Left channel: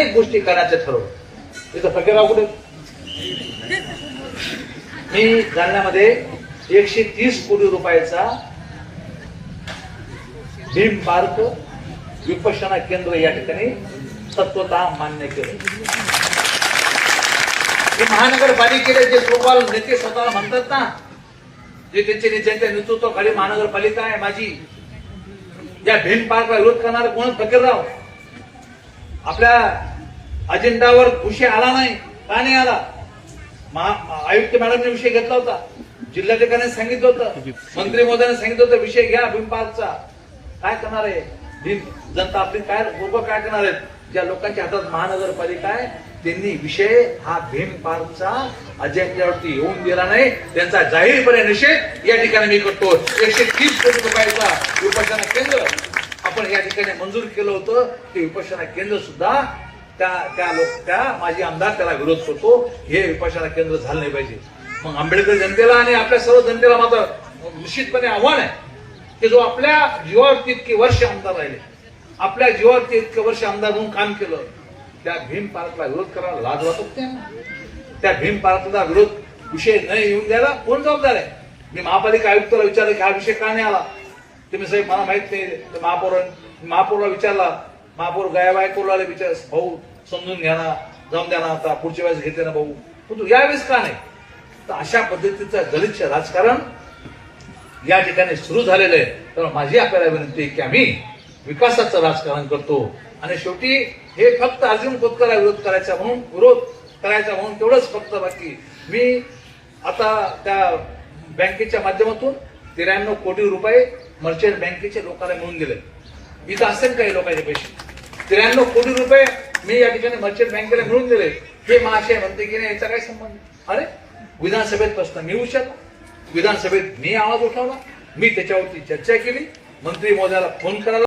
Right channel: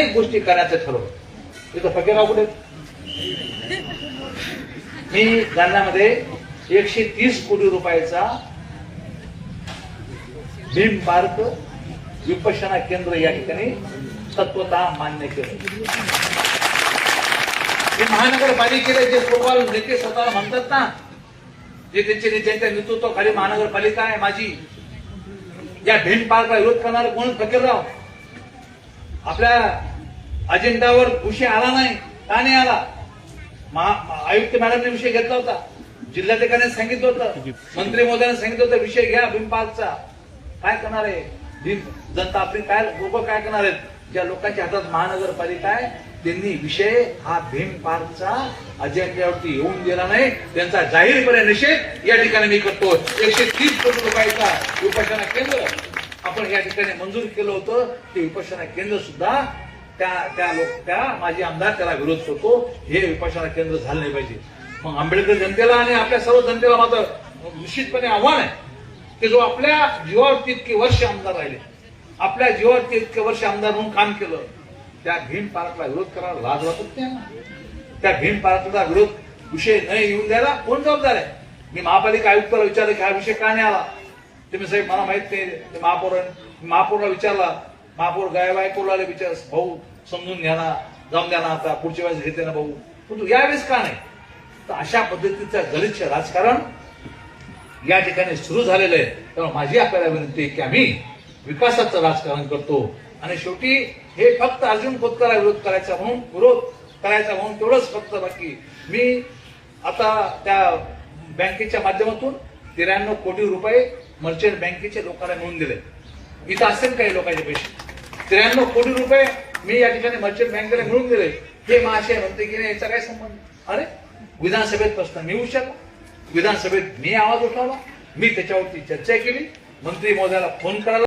अनेक गोष्टी करायचं ठरवलं. तिथं फकीराव कुठे? मी जालन्यामध्ये 130 कोटी रुपयाचा भीम पार्क विपश्यना केंद्र या ठिकाणी तत्वतः मान्य केलं. महानगरपालिकेने जे गोपाल नेते स्वतःला म्हणतात ना, जे त्यांच्या नेत्यांच्या नेतृत्वाखाली महानगरपालिका आहे माझी, या भीम पार्कला विरोध करणारा कोण? फकीरराव. आपल्या अजेंडावर विषय आला नाही. का नाही आला? आयुक्त मॅडमने विषय घेतला होता, जिल्हाधिकाऱ्यांनी सांगितलं होतं, मंत्री महोदयाने सांगितलं होतं विषय घ्या भीम पार्कचा. काय करणार आहे भीम जनता आपली? काय लोक काय करणार आहेत? ज्या लोकांच्या हातात महानगरपालिका आहे त्यांनी विषय हा भीम पार्कचा अजेंड्यावरती येऊन दिला नाही. त्यांचा जाहीरपणे निषेध या ठिकाणी मी करतो. 130 कोटी रुपयाचा विपश्यना केंद्र आपण या ठिकाणी मंजूर केलं होतं. ते विपश्यना केंद्र सुद्धा त्या माझे आमदार त्याला विरोध होतो. हे विपश्यना केंद्र झालं नाही पाहिजे. मग आंबेडकर जनतेला आणि आपल्या सर्व जनतेला मात्र निश्चितपणे आव्हान आहे की जो आपल्या जीवावरती इतके वर्ष आमदार राहिले, आपल्या जीवावरती इतके वर्ष आमदार म्हणून काम केलं, त्या भीम पार्कला विरोध करायला लाज वाटत नाही. त्या भीम पार्कला विरोध विषय न येऊन द्यायला कोण जबाबदार आहे? मी महापालिका आयुक्ताला विचारलं की हा विषय का नाही आला. तुम्ही साहेब मला माहित नाही. महापौरला विचारला, महापौर गायकवाडला विचार, भाऊ समजून घ्या ना, जाऊन द्या ना, आता पुढच्या वेळेस घेते ना भाऊ, तू यावेळेस का नाही? तर अशा पद्धतीचं गलिच्छ राजकारण या ठिकाणी सुरू झालेलं आहे. त्यामुळे माझी आपल्याला विनंती आहे की आम्ही विकासाचं राजकारण करतो आणि शेवटी हे फक्त अर्जुन खोतकरला विरोध करायचा म्हणून तेवढंच फक्त. बाकी मी आता त्या बँकेच्या माध्यमातून 93 कोटी रुपये मर्चंट बँकेच्या लोकांना मिळून दिले. इथं असेल काही लोकांचे पैसे 93 कोटी रुपये मी या ठिकाणी मर्चंट बँकेला मिळून दिले. हे महाशय म्हणते की नाही याचा काय संबंध? अरे विधानसभेत प्रश्न मी विचारला, विधानसभेत मी आवाज उठवला, मी त्याच्यावरती चर्चा केली, मंत्री महोदयाला फोन करायला